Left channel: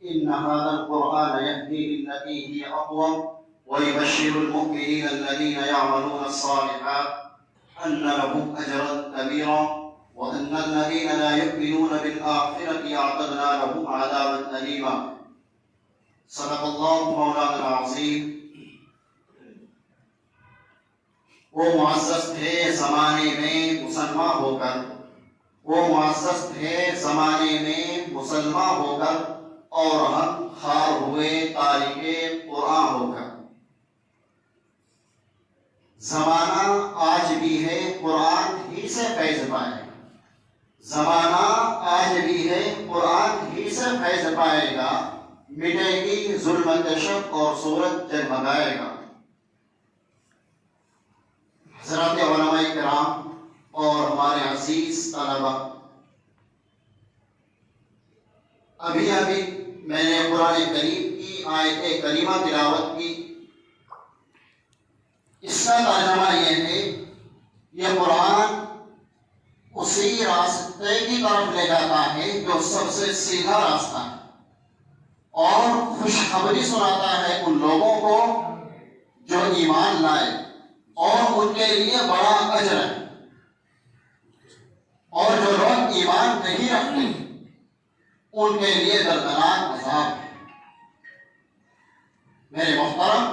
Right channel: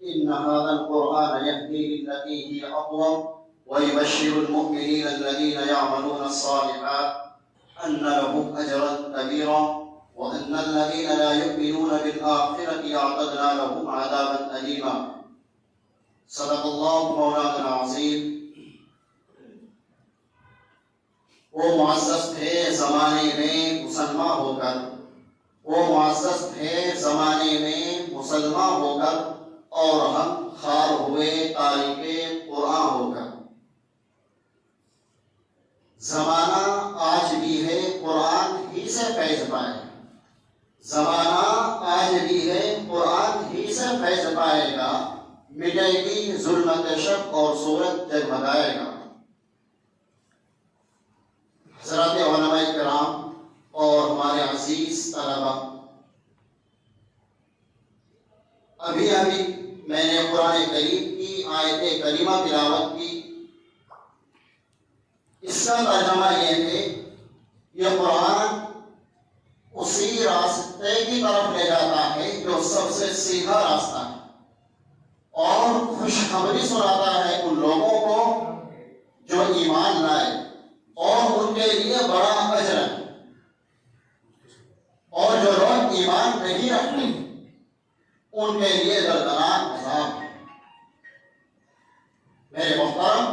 إن هذا القرآن يهدي للتي هي أقوم ويبشر المؤمنين الذين يعملون الصالحات أن لهم أجرا كبيرا وأن الذين لا يؤمنون بالآخرة أعتدنا لهم عذابا أليما. صدق الله مولانا العظيم. وہ معزز تھے زمانے میں مسلمان ہو کر، وہ معزز تھے زمانے میں مسلمان ہو کر، اور ہم خوار ہوئے تارک قرآن ہو کر. زمانہ آج بھی ہے قرآن ہی سے فیض پائے، زمانہ آج بھی ہے قرآن ہی سے فیض پائے گا. مٹے گی ظلمت شب اور سورج جگمگائے گا. حضرات علماء کرام اور ہمارے عزیز طلبہ، ابھی میں نے قرآن کریم کی آیت کریمہ تلاوت کی. اس کا ترجمہ یہ ہے، یہ قرآن اسی راستے کی طرف لے جاتا ہے جو سب سے سیدھا راستہ ہے، اور خوشخبری سناتا ہے ان لوگوں کو جو ایمان لائے، اور ان کے لیے بڑا اجر ہے. اور جو لوگ ایمان نہیں رکھتے ان کے لیے دردناک عذاب ہے. میرے محترم،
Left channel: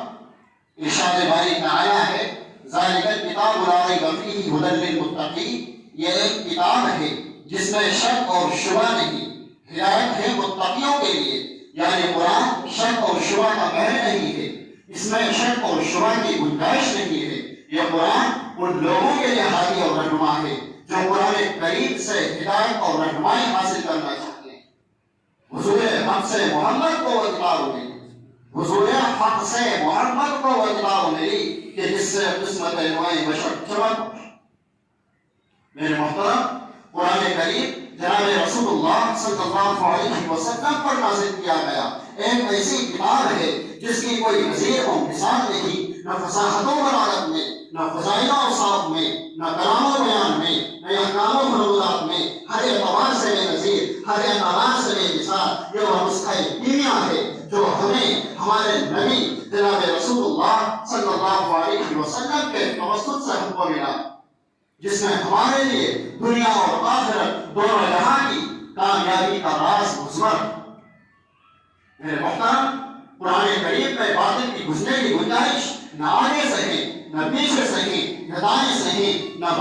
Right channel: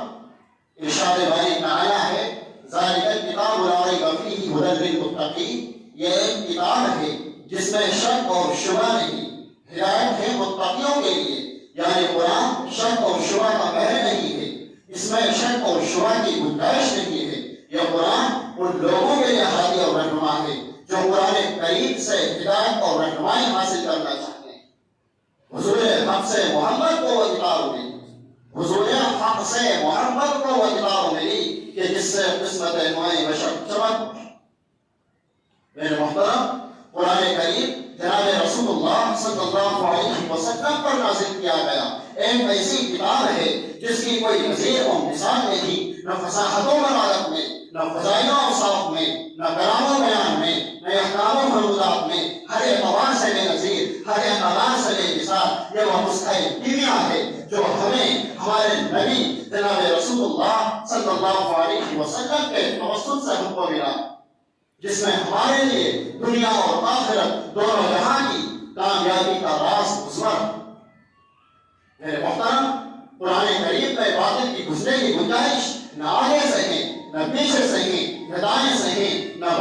ارشاد باری تعالیٰ ہے، ذالک الکتاب لا ریب فیہ ھدی للمتقین. یہ ایک کتاب ہے جس میں شک اور شبہ نہیں، ہدایت ہے متقیوں کے لیے. یعنی قرآن شک اور شبہ کا محل نہیں ہے، اس میں شک اور شبہ کی گنجائش نہیں ہے. یہ قرآن ان لوگوں کے لیے ہادی اور رہنما ہے جو قرآن کریم سے ہدایت اور رہنمائی حاصل کرنا چاہتے ہیں. حضور حق سے محمد کو وہ کتاب ملی، حضور حق سے محمد کو وہ کتاب ملی کہ جس سے قسمت نوع بشر چمک. میرے محترم، قرآن کریم جناب رسول اللہ صلی اللہ علیہ وسلم پر نازل کیا گیا ایک ایسی کتاب ہے جس کی کوئی نظیر و مثال نہیں، نہ فصاحت و بلاغت میں، نہ فضائل و اوصاف میں، نہ کلام و بیان میں، نہ احکام و فروضات میں. ہر اعتبار سے بے نظیر، ہر اعتبار سے بے مثال. یہ وہ نسخہ کیمیا ہے جو ہمیں ہمارے نبی جناب رسول اللہ صلی اللہ علیہ وسلم کے توسط سے ہم کو ملا، جس میں ہمارے لیے دنیا اور آخرت دونوں جہاں کی کامیابی کا راز مضمر. میرے محترم، قرآن کریم میں باطل کی گھسنے کی گنجائش نہ آگے سہیں، نہ پیچھے سہیں، نہ دائیں سہیں،